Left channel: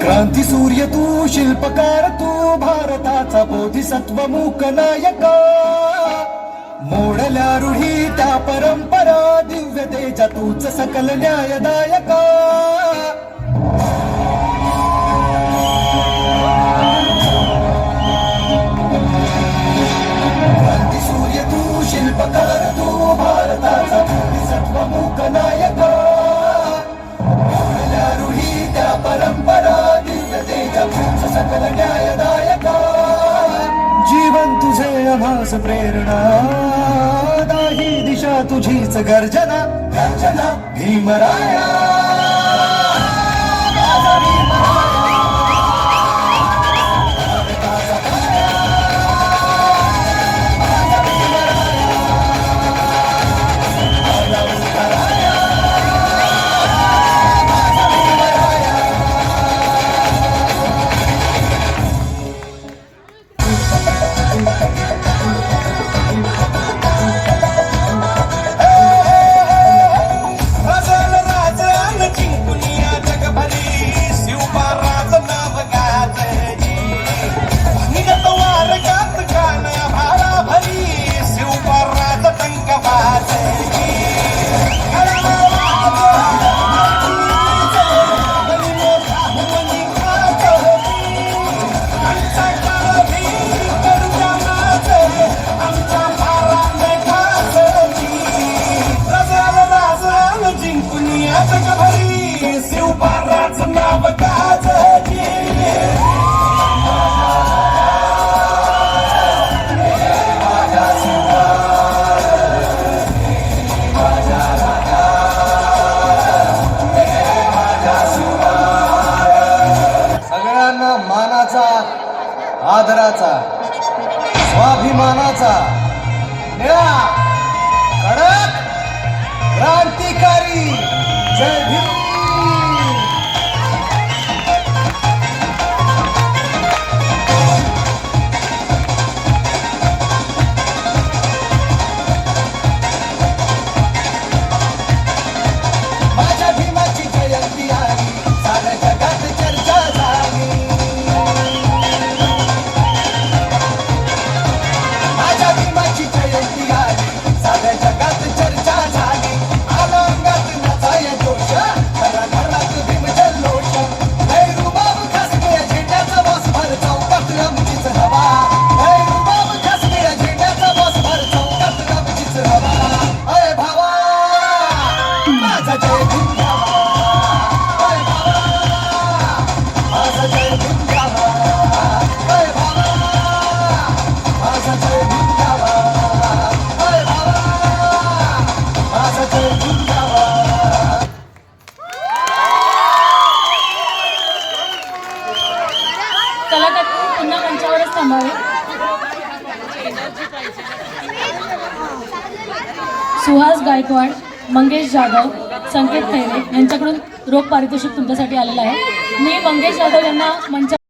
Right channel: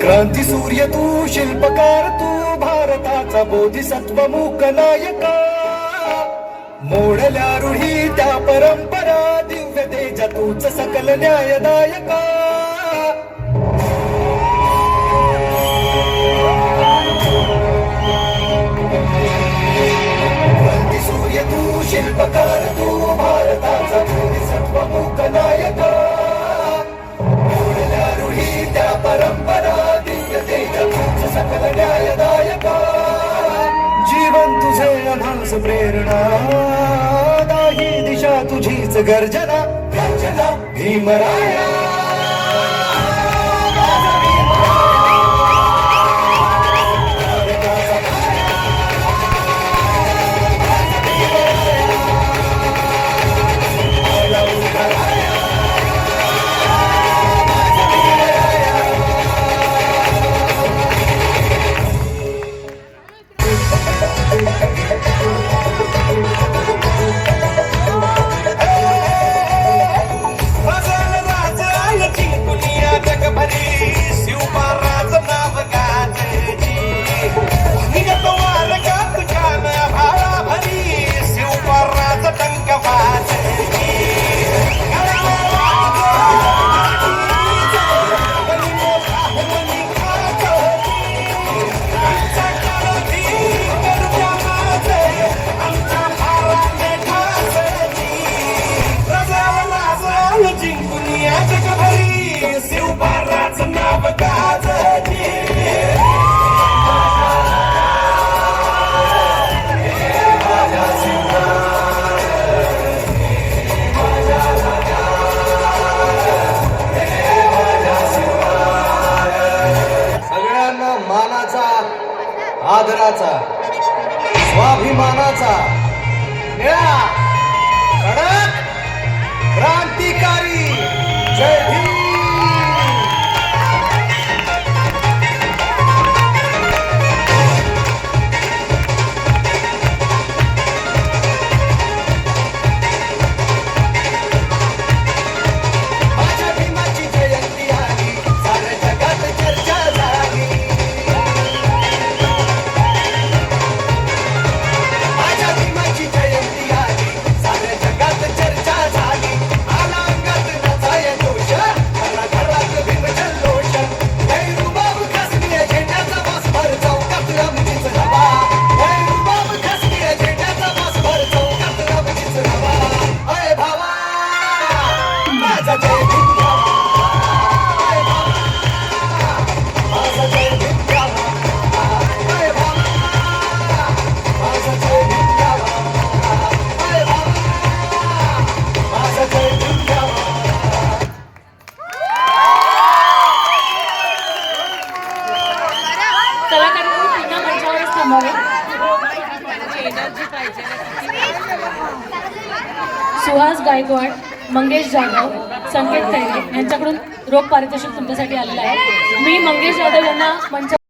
क्रांती सूर्य तू, शिल्पकार तू, भारताचा बोधिसत्व मूक नायका. मोडल्या रूढी त्या परंपरा, दिव्य तेजा तूच सकल न्यायदायका. क्रांती सूर्य तू, शिल्पकार तू, भारताचा बोधिसत्व मूक नायका. मोडल्या रूढी त्या परंपरा, सकल न्यायदायका. जीवन तुझे आभास प्रेरणा, दाही दिशा तुझीच गर्जना. गर्जना भीमराया. आदराचा, स्वाभिमानाचा, कडक क्रांतिकारी. जय भीम. माझ्या भीमाची जयंती आली, साऱ्या जगात चर्चा झाली. सुहास गायकवाड, मंगेश जाधव, संकेत खैरे यांच्याकडून रोख पारितोषिक तुमच्यासाठी आलेलं आहे. मी मंगेश जाधव यांना मंच